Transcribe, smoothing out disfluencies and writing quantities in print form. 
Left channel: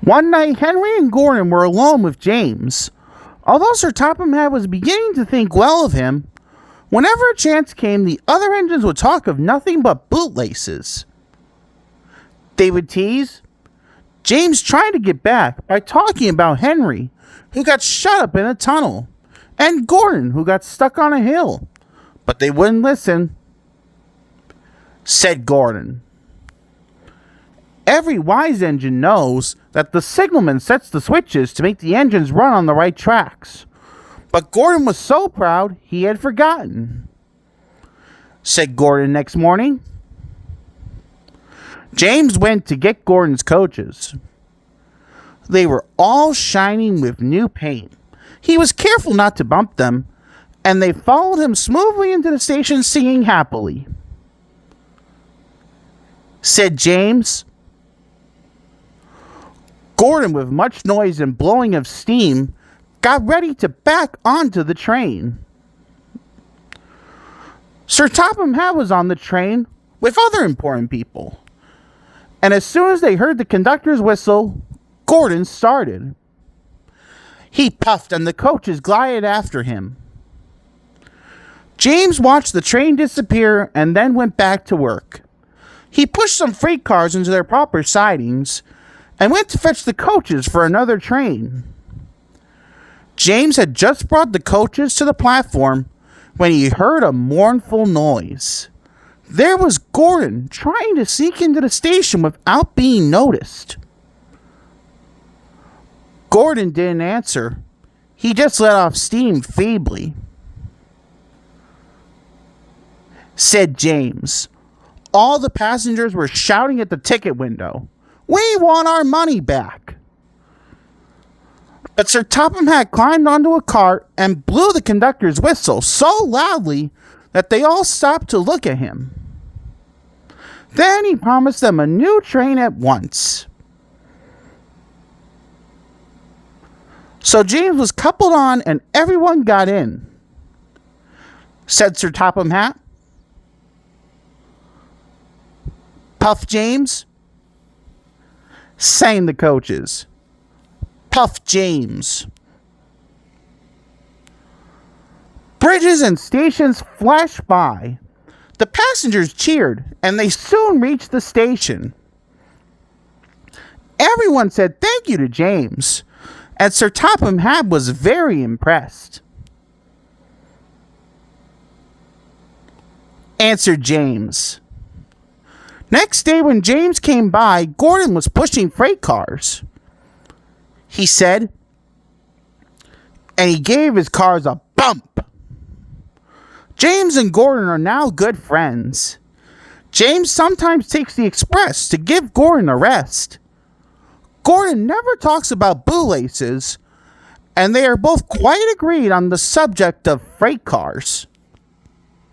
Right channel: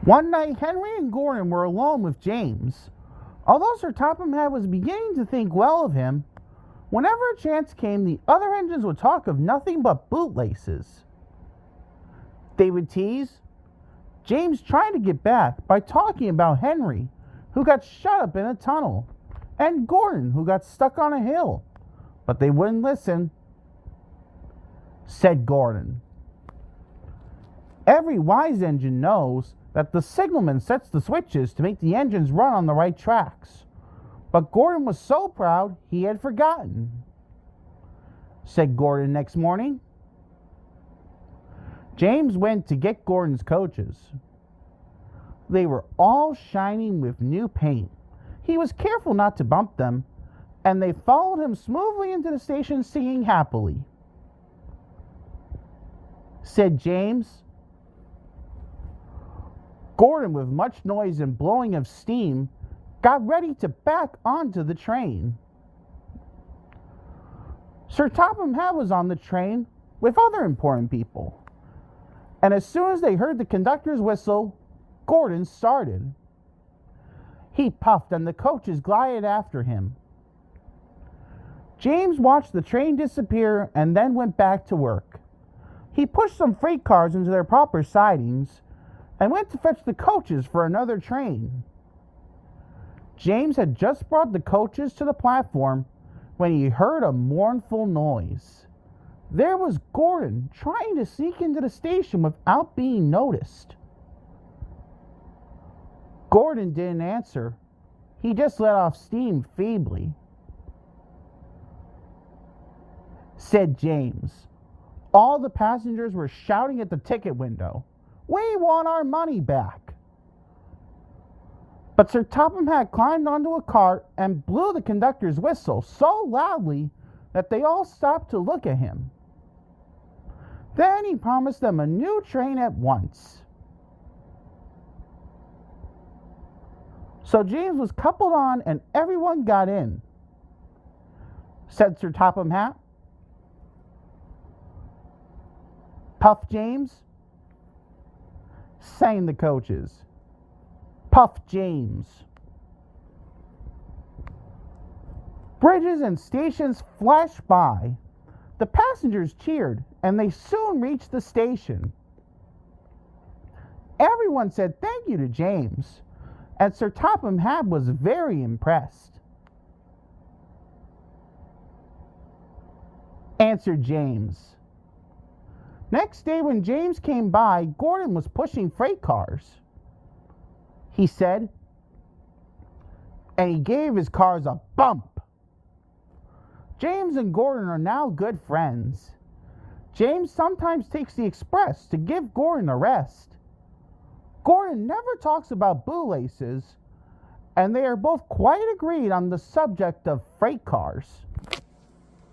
One night, Henry and Gordon were alone with James. Although Sir Topham Hatt was beginning to think well of him, whenever a chance came, the other engines would talk of nothing but bootlaces. They would tease James trying to get back by talking about Henry, who got shut up in a tunnel, and Gordon, who got stuck on a hill. But they wouldn't listen. Said Gordon, "Every wise engine knows that the signalman sets the switches to make the engines run on the right tracks. But Gordon was so proud he had forgotten." Said Gordon next morning. James went to get Gordon's coaches. They were all shining with new paint. He was careful not to bump them, and they followed him smoothly into the station singing happily. Said James. Gordon, with much noise and blowing of steam, got ready to back onto the train. Sir Topham Hatt was on the train with other important people, and as soon as they heard the conductor's whistle, Gordon started. He puffed and the coaches glided after him. James watched the train disappear and then went back to work. He pushed some freight cars into their proper sidings and went to fetch the coaches for another train. James had just brought the coaches to the platform when he heard a mournful noise. There was Gordon trying to sneak into the station without being noticed. Gordon didn't answer. He just let off steam feebly. Said James. All the passengers were shouting at the ticket window, "We want our money back." But Sir Topham Hatt climbed onto a cart and blew the conductor's whistle so loudly that they all stopped to look at him. Then he promised them a new train at once. So James was coupled on and everyone got in. Said Sir Topham Hatt. Puff James. Sang the coaches. Puff James. Bridges and stations flashed by. The passengers cheered, and they soon reached the station. Everyone said thank you to James, and Sir Topham Hatt was very impressed. Answered James. Next day when James came by, Gordon was pushing freight cars. He said, and he gave his cars a bump. James and Gordon are now good friends. James sometimes takes the express to give Gordon a rest. Gordon never talks about bootlaces, and they are both quite agreed on the subject of freight cars.